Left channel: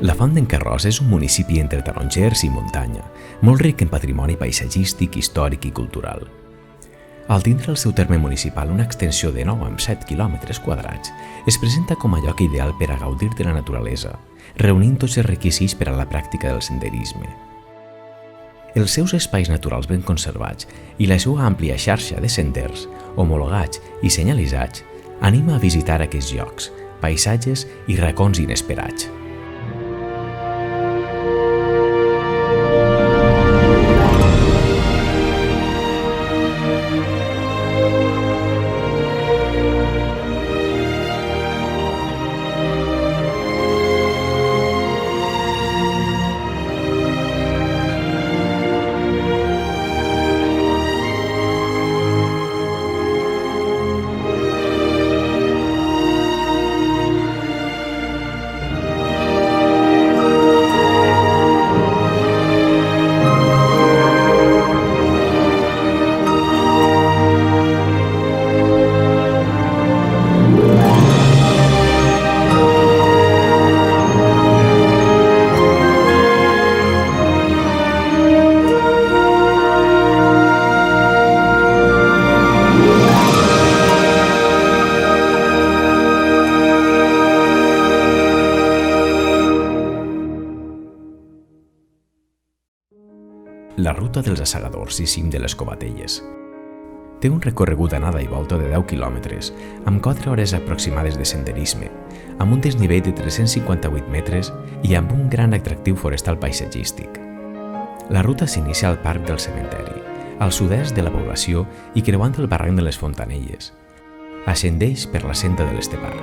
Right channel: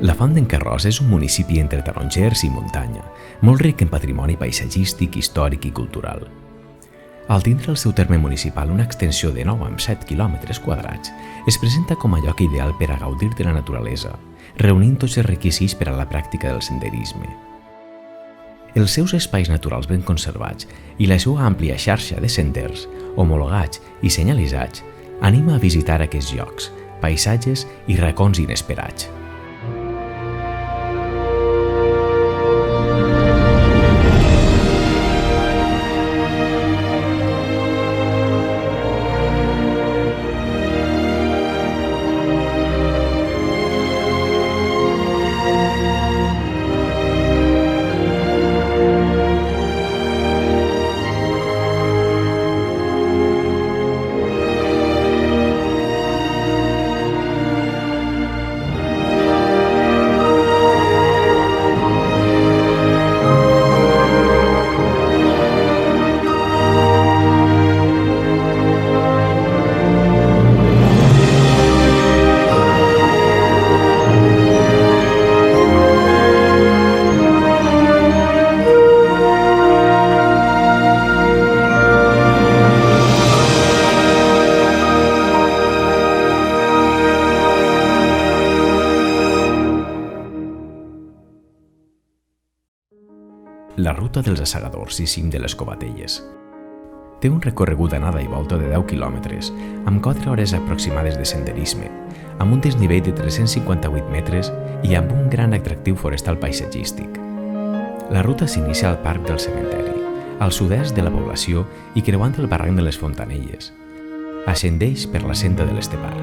La Font d'en Carròs és un municipi entre tarongers i muntanya, molt ric en patrimoni paisatgístic, històric i cultural. Al tindre el seu terme municipal una extensió de 9,7 km², es presenta com a lloc ideal per a gaudir de la naturalesa, reunint tots els requisits per a la pràctica del senderisme. Els seus espais naturals ben conservats i la seva àmplia xarxa de senders, homologats i senyalitzats, anima a visitar aquests llocs, paisatges i racons inesperats. La ruta dels Assegadors i cim de les Covatelles. Té un recorregut d'anada i volta de 10 quilòmetres, amb 4 hores aproximades de senderisme, amb un desnivell de 358 metres i amb un gran atractiu forestal paisatgístic. La ruta s'inicia al Parc del Cementeri, al sud-est de la població i creuant el barranc de les Fontanelles. Ascendeix per la senda de l'Estepar.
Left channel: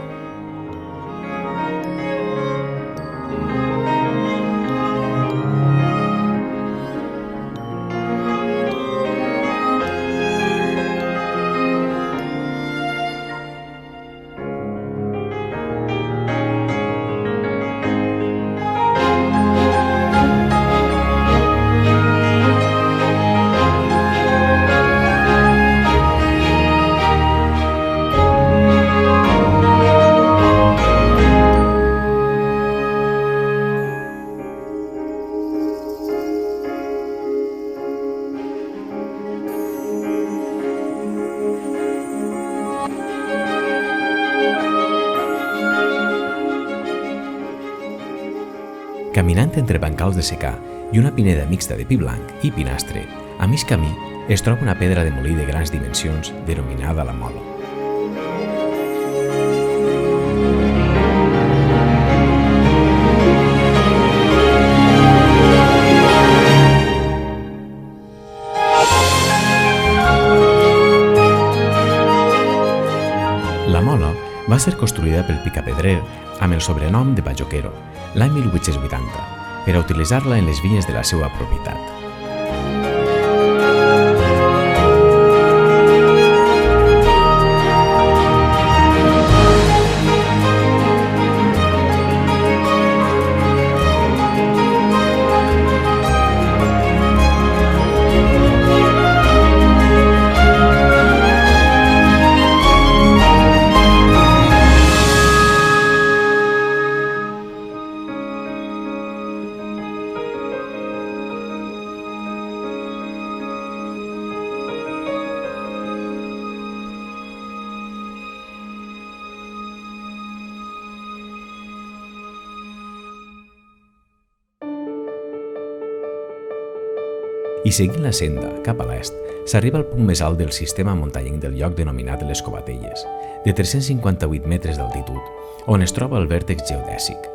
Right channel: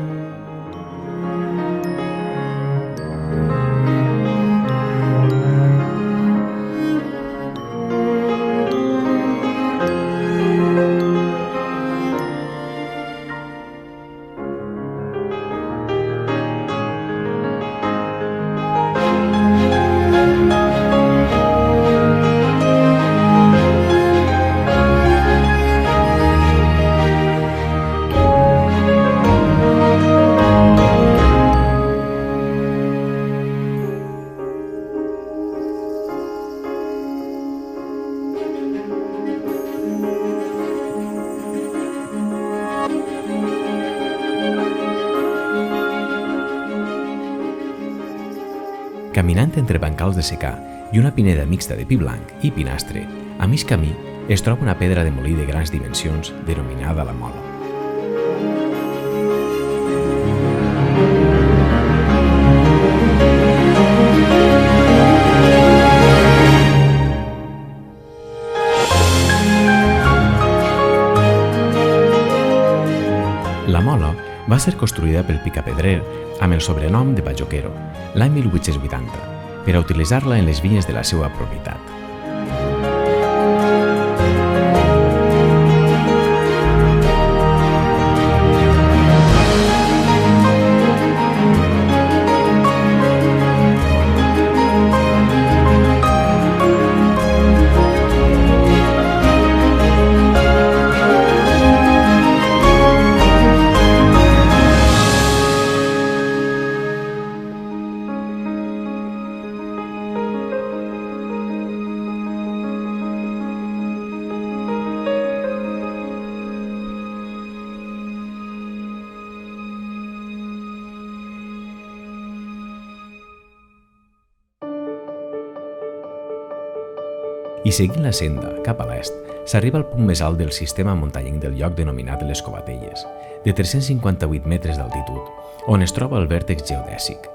Caminant entre bancals de secà i una pineda mixta de pi blanc i pinastre, a mig camí es troba una pedra de molí de grans dimensions denominada la Mola. La Mola va ser construïda pel picapedrer amb el sobrenom de Bajoquero l'any 1880 per a utilitzar-la en les vinyes de la seva propietat. I seguint la senda, cap a l'est, s'arriba al punt més alt del sistema muntanyenc del lloc denominat les Covatelles, de 358 metres d'altitud, on es troba el vèrtex geodèsic.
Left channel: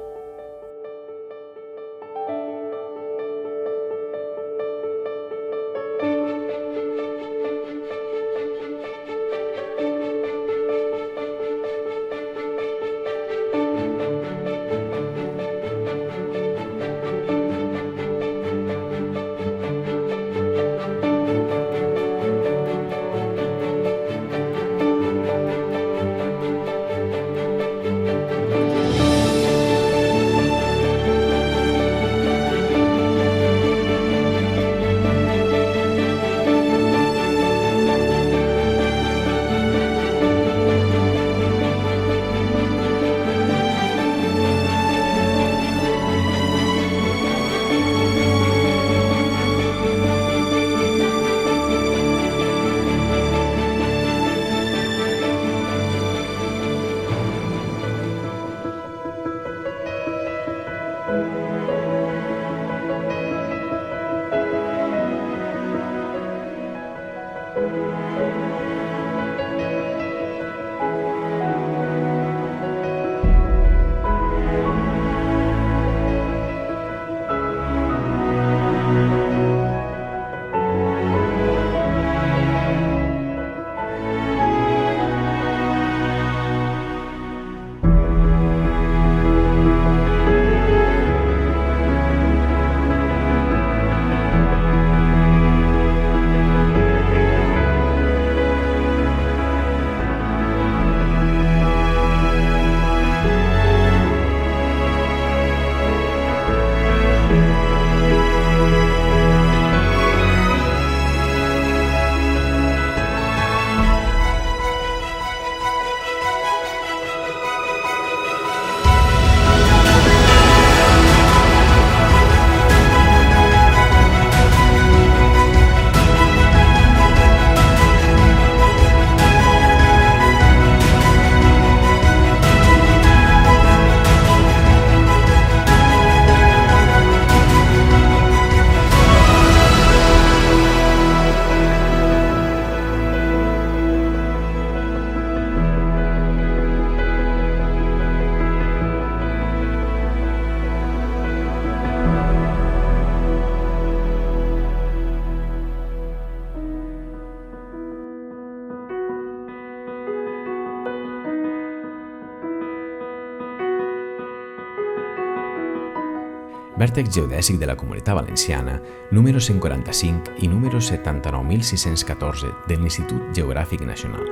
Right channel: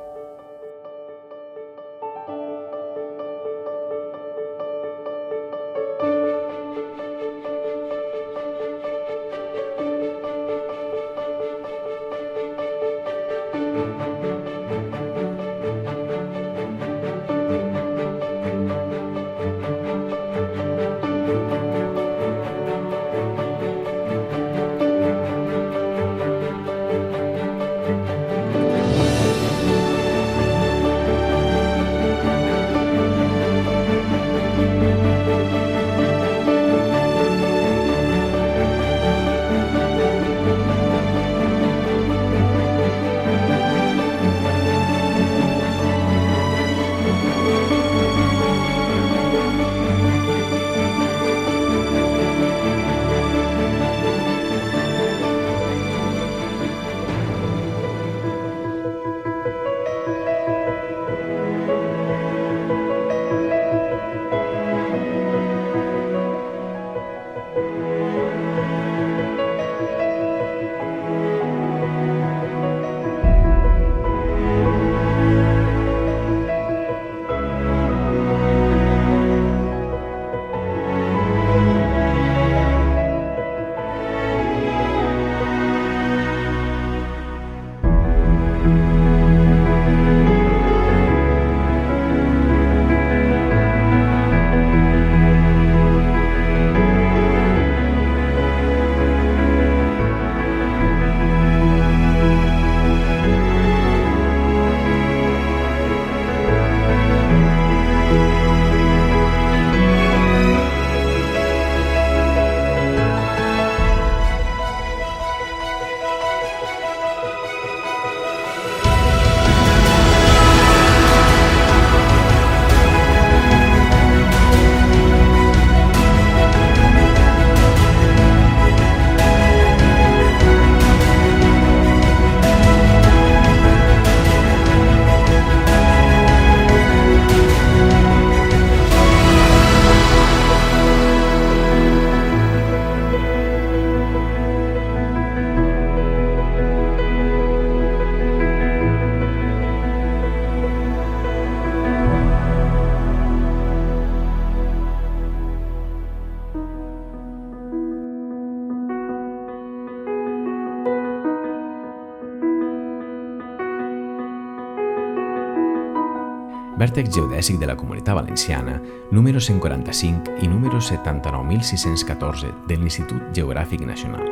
vèrtex geodèsic de la Comunitat Valenciana, número 145 i número 79.614 de l'Institut Geogràfic Nacional.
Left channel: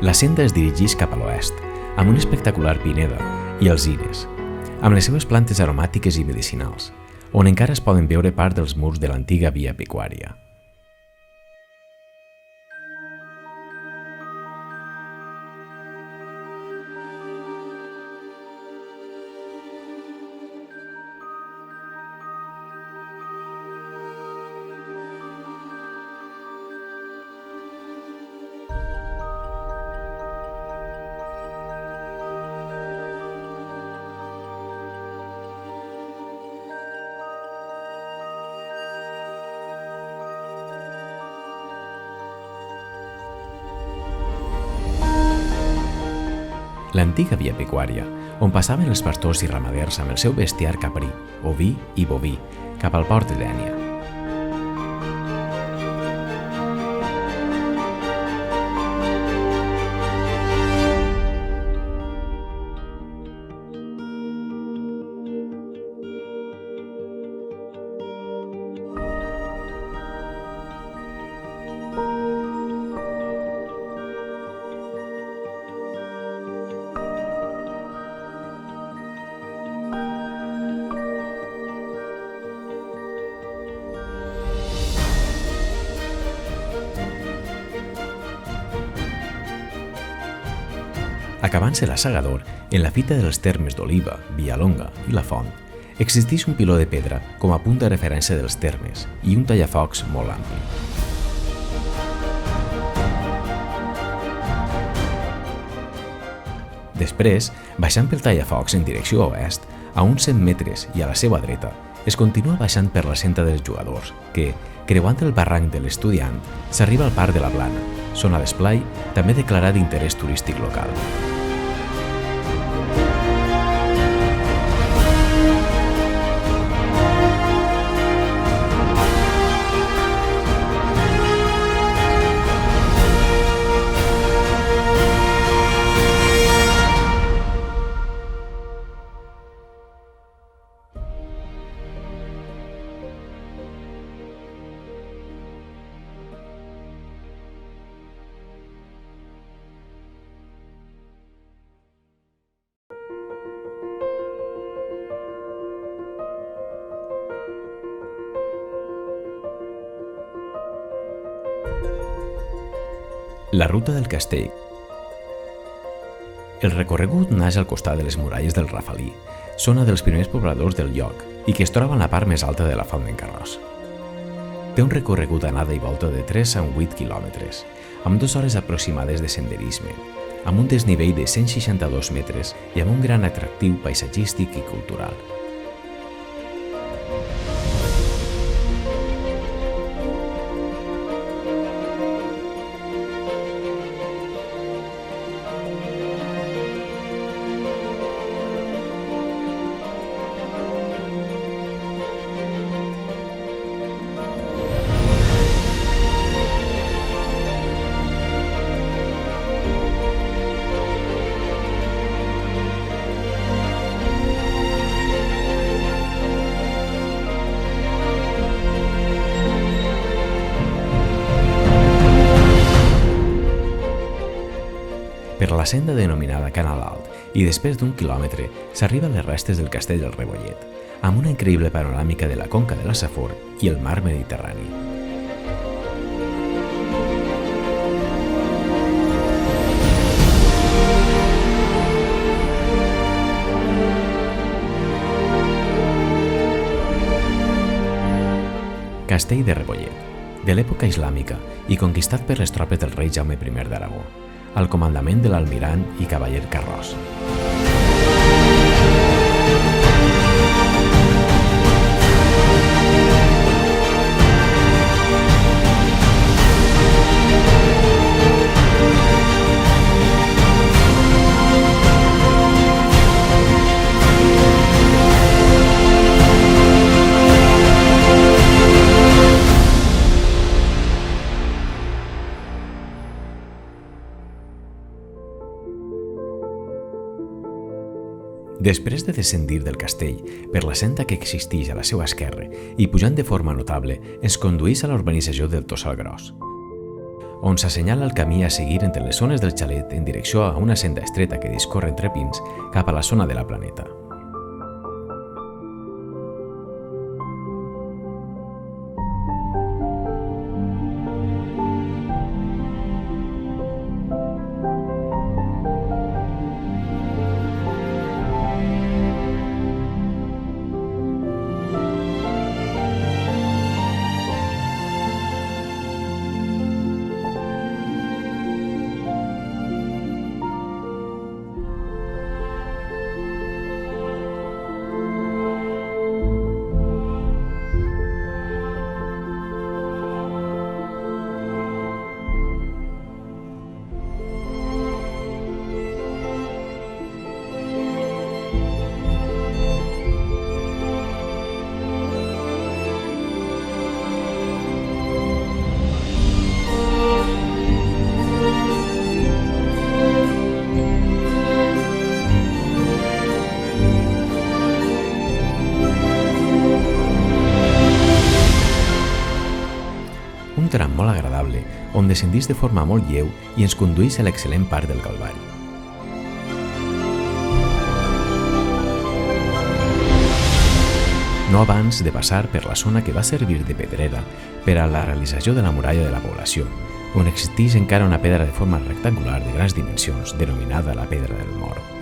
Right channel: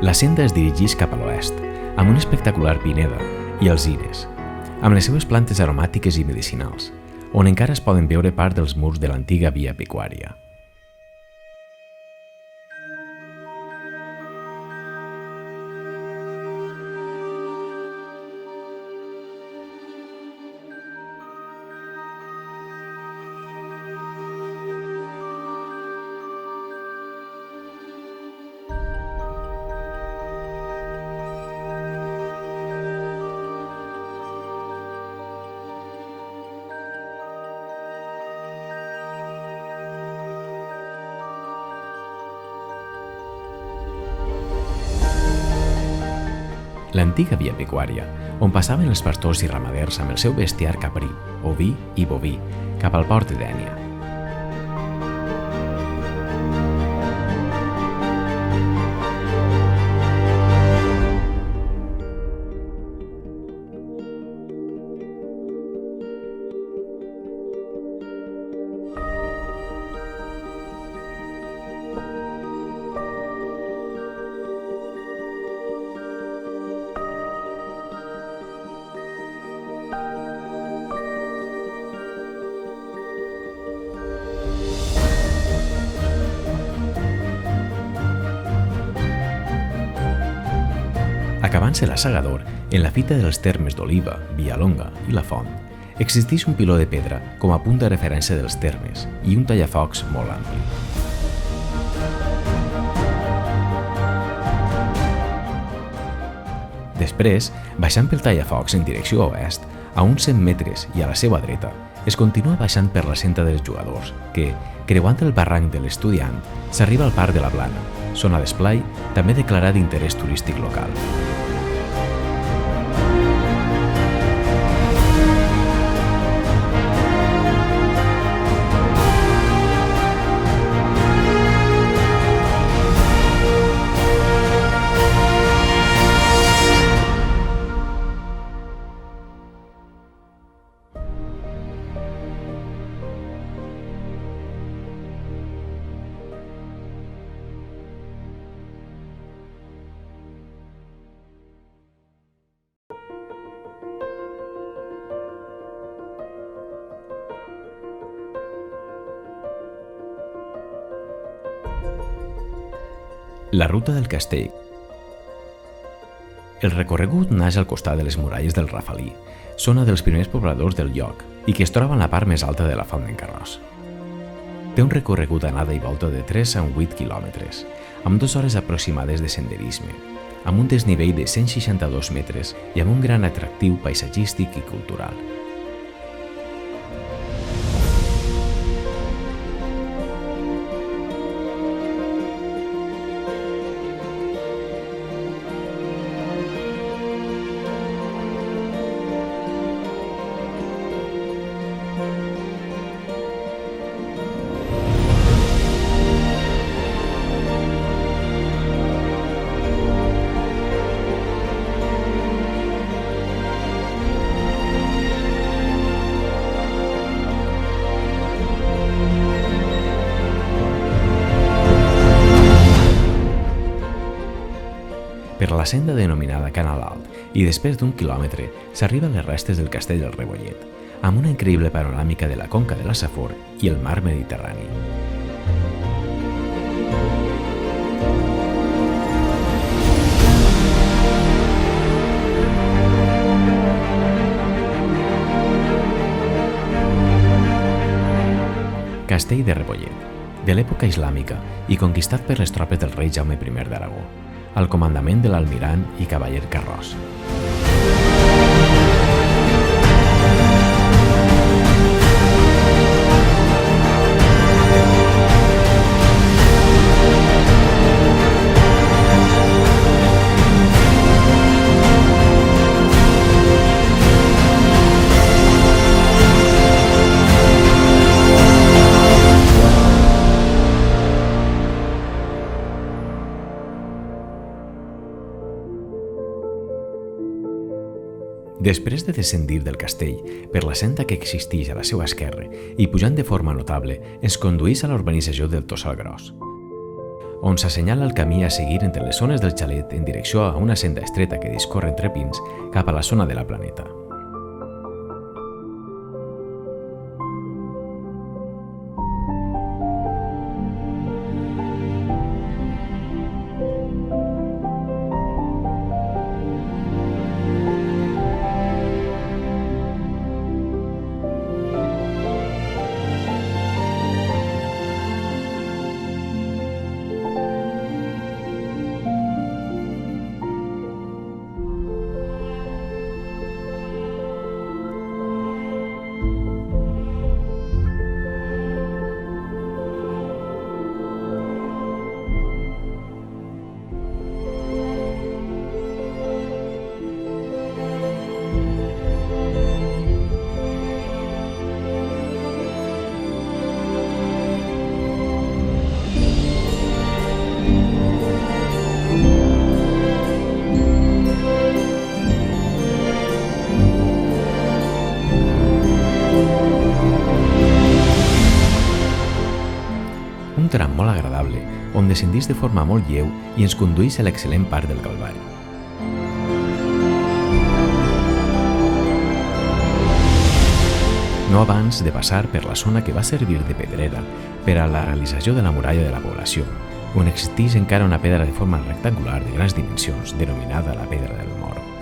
La senda es dirigeix cap a l'oest, amb una espectacular pineda i alzines, amb les seues plantes aromàtiques i medicinals, on encara es poden veure part dels murs de l'antiga via pecuària. L'antiga via pecuària, on passaven els pastors i ramaders amb el seu bestiar caprí, oví i boví, cap al port de Dénia. Acabant-se la Sagador, en la fita dels termes d'Oliva, Villalonga i La Font, existeix un piló de pedra com a punt de referència dels termes i un tallafocs molt ampli. Després, baixant pel tallafocs en direcció oest, a uns 100 metres i a la seva dreta, es continua baixant per la senda dels Jugadors, que, creuant el barranc de l'Estudiant, s'arriba al Parc de la Plana, zona d'esplai també declarat d'interès turístic local. La ruta del castell. El recorregut naix al costat de les muralles del Rafalí, zona dels primers pobladors del lloc i que es troba en la part més alta de la Font d'en Carròs. Té un recorregut d'anada i volta de 3 a 8 quilòmetres, amb 2 hores aproximades de senderisme, amb un desnivell de 162 metres i amb un gran atractiu paisatgístic i cultural. Per la senda denominada Canal Alt i després d'1 quilòmetre s'arriba a les restes del castell del Rebollet, amb una increïble panoràmica de la conca de la Safor i el mar Mediterrani. Castell de Rebollet, de l'època islàmica i conquistat per les tropes del rei Jaume I d'Aragó, al comandament de l'almirant i cavaller Carròs. Després de descendir del castell per la senda que existeix a la seva esquerra i pujant de forma notable, ens condueix a la urbanització del Tossal Gros, on s'assenyala el camí a seguir entre les zones del xalet en direcció a una senda estreta que discorre entre pins cap a la zona de la Planeta. Un tram molt agradable, on descendís de forma molt lleu i ens condueix a l'excel·lent parc del Calvari. No abans de passar per la zona que va servir de pedrera per a la realització de la muralla de la població, on existeix encara una pedra de forma rectangular de grans dimensions denominada la Pedra del Moro.